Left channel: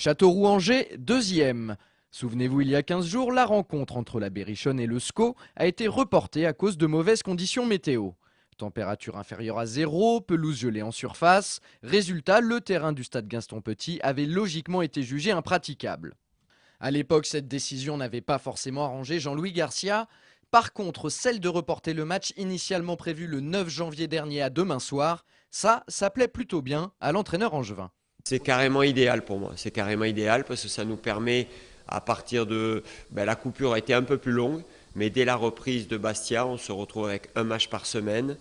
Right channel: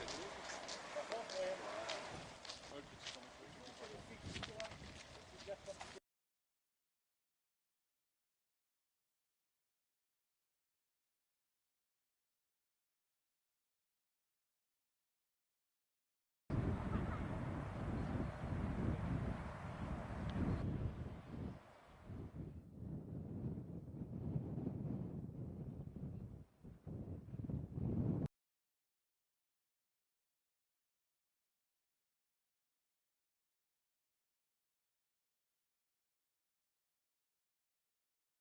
Châteauroux-Angers, deuxième. Souvenez-vous, il y a 15 jours, la rencontre entre la Berrichonne et le SCO a été reportée à cause de mauvaises conditions météo. Température inférieure à 0, pelouse gelée en surface. Résultat, le terrain du stade Gaston-Petit avait logiquement été jugé impraticable. À l'époque, cette décision n'avait pas forcément arrangé Jean-Louis Garcia. Par contre, celle de reporter le match initialement prévu le 9 janvier dernier à demain soir, ça plaît plutôt bien à l'entraîneur angevin. C'est carrément idéal pour moi. C'est carrément idéal parce que ça nous permet, à partir de... la coupure a été un peu plus longue, mais dès la reprise de Bastia, on se retrouve avec un match par semaine.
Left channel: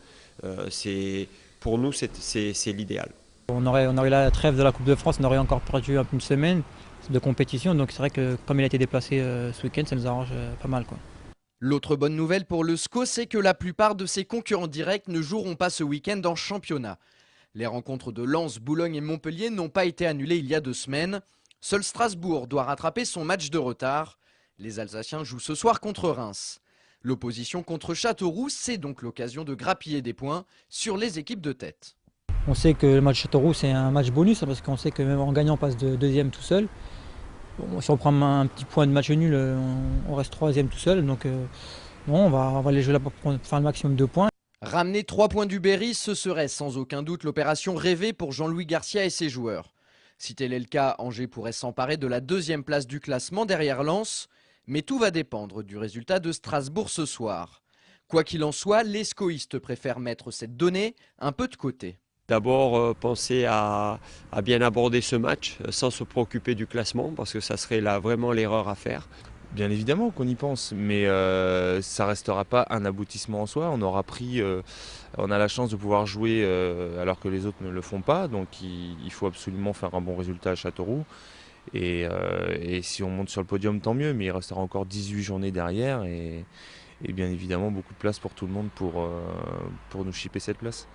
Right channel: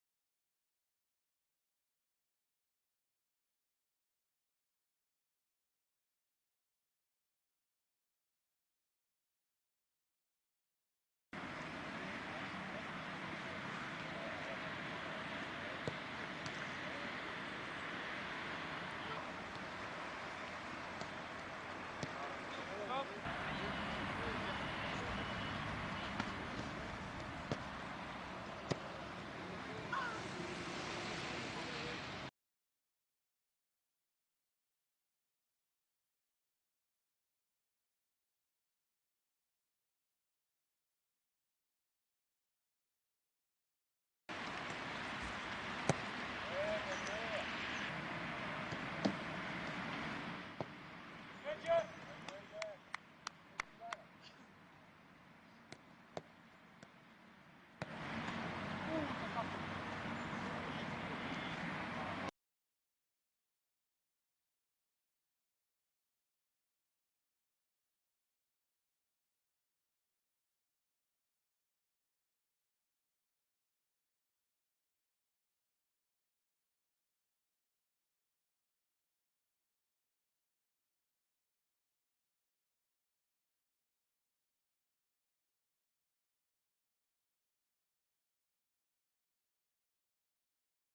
Pour nous, c'est l'idéal. On aurait eu la trêve de la Coupe de France, on aurait encore perdu une semaine de compétition. Donc c'est vrai que comme il a été déplacé ce week-end, ça nous arrange pas mal, quoi. L'autre bonne nouvelle pour le SCO, c'est que la plupart de ses concurrents directs ne joueront pas ce week-end en championnat. Les rencontres de Lens, Boulogne et Montpellier n'ont pas été annulées il y a 2 semaines. Seul Strasbourg doit rattraper son match de retard. Les Alsaciens jouent ce soir contre Reims. L'opposition contre Châteauroux, c'est donc l'occasion de grappiller des points sur les équipes de tête. On sait que le match Châteauroux, c'est un match bonus, parce qu'on sait que même en gagnant, on passe de deuxième tout seul. Bon, si on prend un petit point de match nul, on reste troisième tout seul. Donc non, on va aller jouer là pour faire le maximum de points. Ramener 3 points du Berry, ce serait sans aucun doute l'opération rêvée pour Jean-Louis Garcia et ses joueurs. Si tel est le cas, Angers pourrait s'emparer de la 2e place du classement derrière Lens. Mais tout va dépendre du résultat de Strasbourg ce soir. Quoi qu'il en soit, les scoïstes préfèrent mettre cette donnée un peu de côté. D'abord, penser à bien aborder ce match sans se préoccuper du classement, parce que ça serait là vraiment l'erreur à faire. Bien évidemment qu'on y pense, mais ça ne restera pas un aboutissement en soi. On a la chance de pouvoir jouer alors que les autres ne le font pas, donc il faut absolument faire un bon résultat à Châteauroux. Et si on monte sur le podium, tant mieux, mais il restera encore 18 journées derrière et bien évidemment beaucoup de place pour tout le monde pour nous chipper cette place.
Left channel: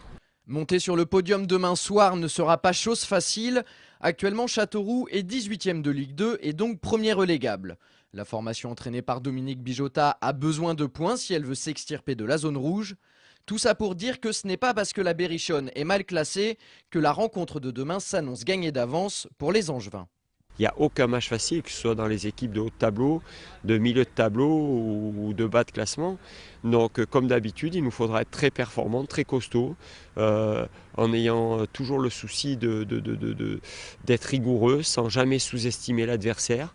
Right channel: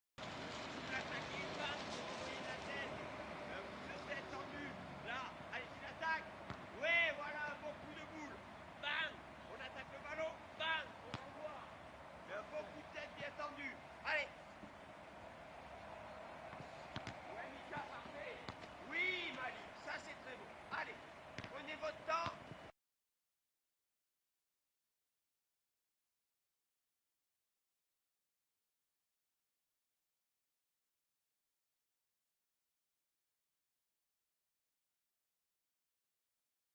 Monter sur le podium demain soir ne sera pas chose facile. Actuellement, Châteauroux est 18e de Ligue 2 et donc premier relégable. La formation entraînée par Dominique Bijotta a besoin de points si elle veut s'extirper de la zone rouge. Tout ça pour dire que ce n'est pas parce que la Berrichonne est mal classée que la rencontre de demain s'annonce gagnée d'avance pour les Angevins. Il n'y a aucun match facile, que ce soit dans les équipes de haut de tableau, de milieu de tableau ou de bas de classement. Donc comme d'habitude, il nous faudra être très performant, très costaud, en ayant toujours le souci d'être rigoureux, sans jamais sous-estimer l'adversaire,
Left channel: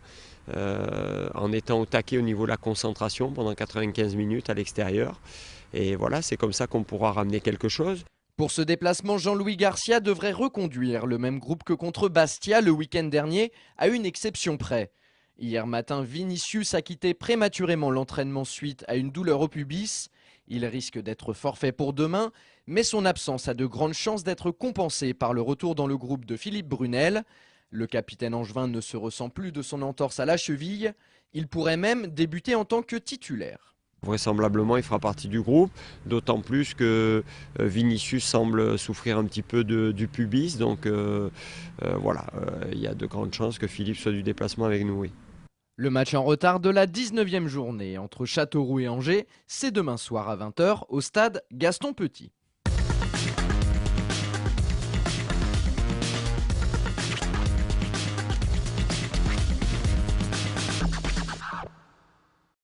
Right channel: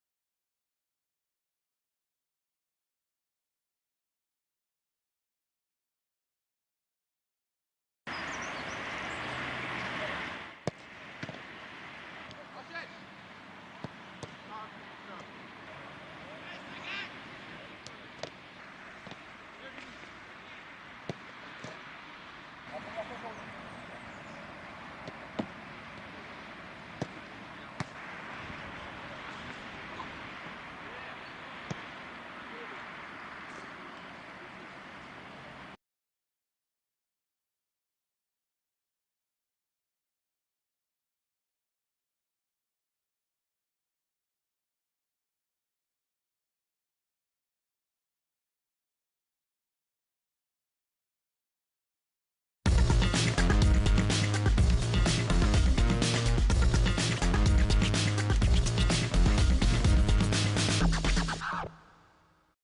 en étant au taquet au niveau de la concentration pendant 95 minutes à l'extérieur. Et voilà, c'est comme ça qu'on pourra ramener quelque chose. Pour ce déplacement, Jean-Louis Garcia devrait reconduire le même groupe que contre Bastia le week-end dernier, à une exception près. Hier matin, Vinicius a quitté prématurément l'entraînement suite à une douleur au pubis. Il risque d'être forfait pour demain, mais son absence a de grandes chances d'être compensée par le retour dans le groupe de Philippe Brunel. Le capitaine angevin ne se ressent plus de son entorse à la cheville. Il pourrait même débuter en tant que titulaire. Vraisemblablement, il fera partie du groupe, d'autant plus que Vinicius semble souffrir un petit peu du pubis. Donc voilà, il y a de grandes chances que Philippe soit du déplacement avec nous. Oui. Le match en retard de la 19e journée entre Châteauroux et Angers, c'est demain soir à 20 h au stade Gaston-Petit.